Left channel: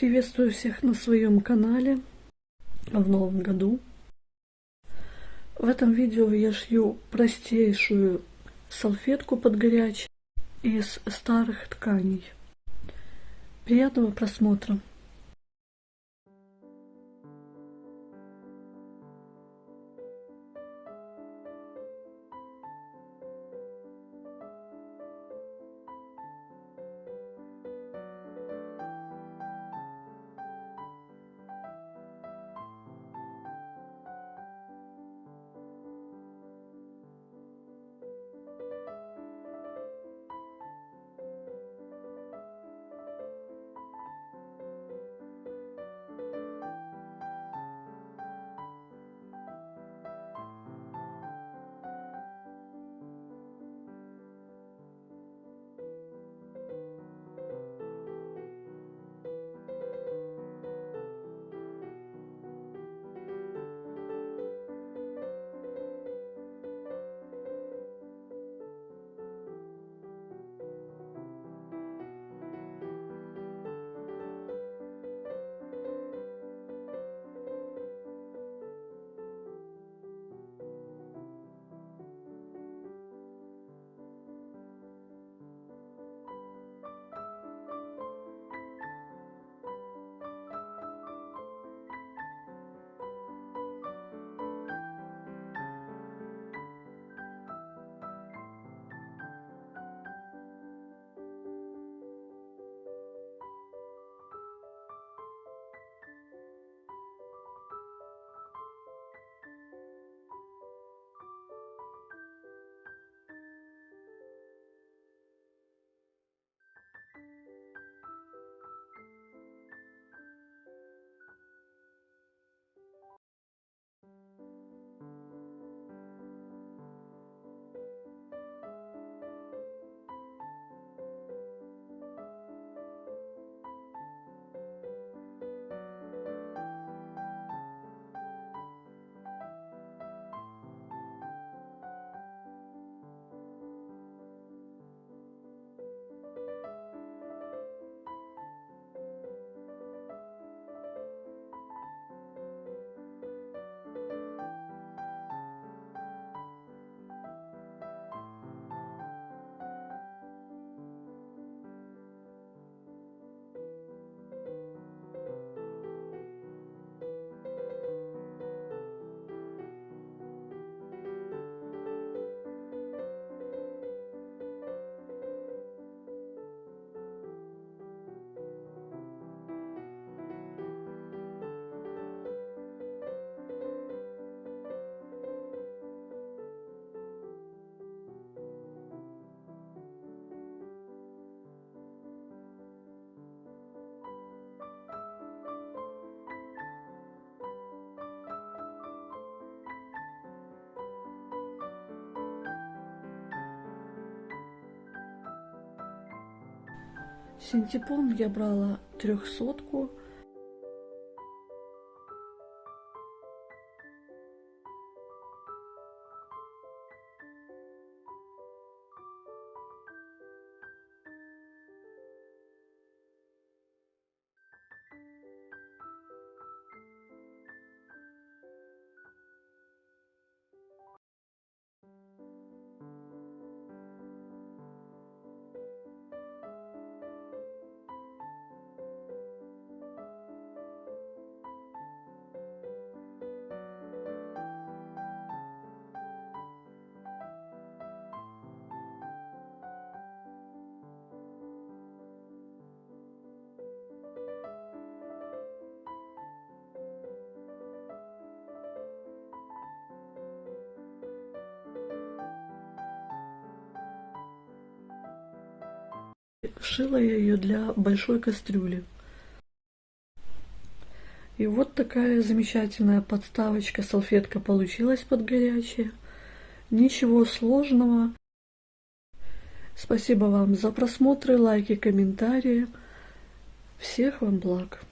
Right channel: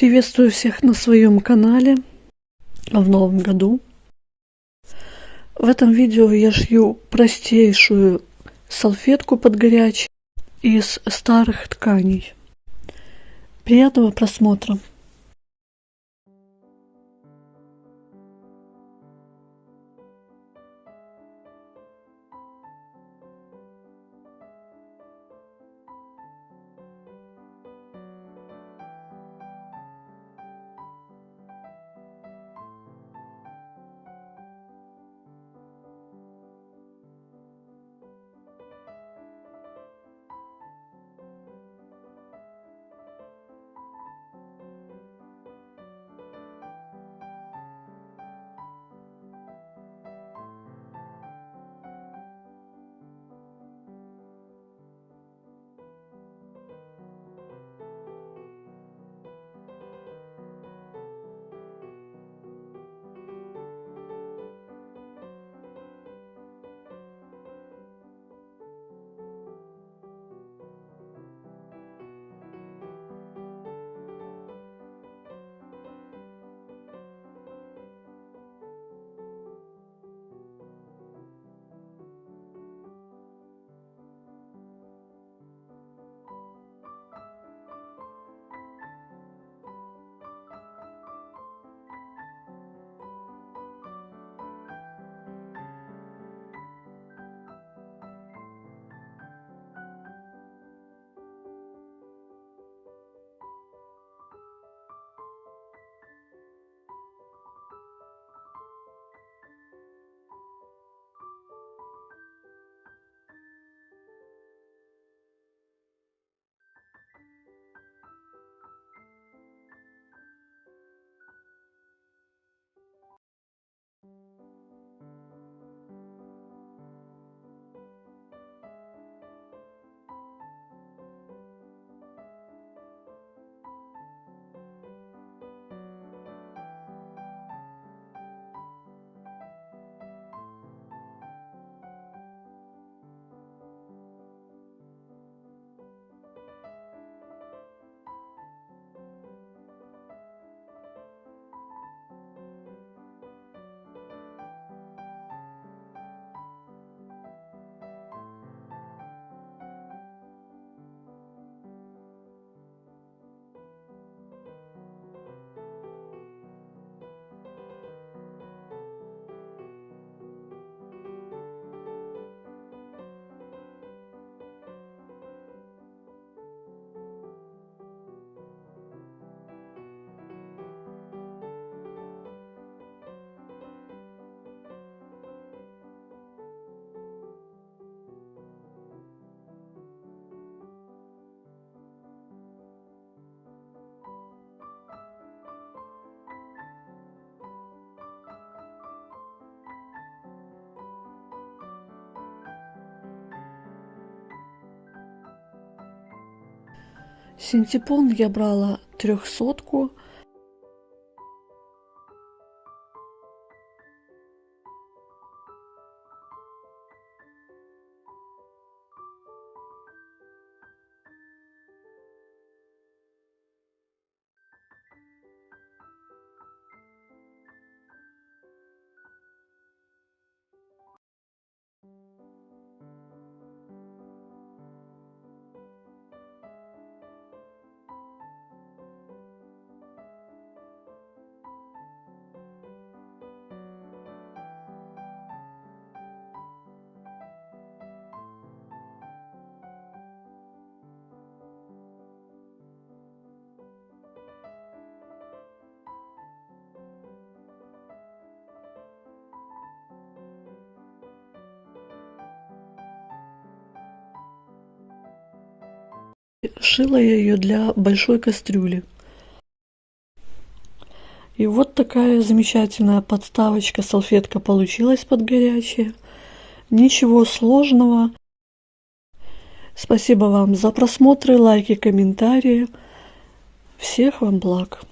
Приветствую всех на своем канале в новом году. В этом видео я шью простейшую салфетку под горячий из старых тканей. Приятного просмотра! Синтепон я брала 300-ку. Шила я ее для большой кастрюли. И вот такая замечательная подставочка, салфетка получилась под горячее. Ничего сложного. Спасибо вам за просмотры, лайки, комментарии. Всех вам благ.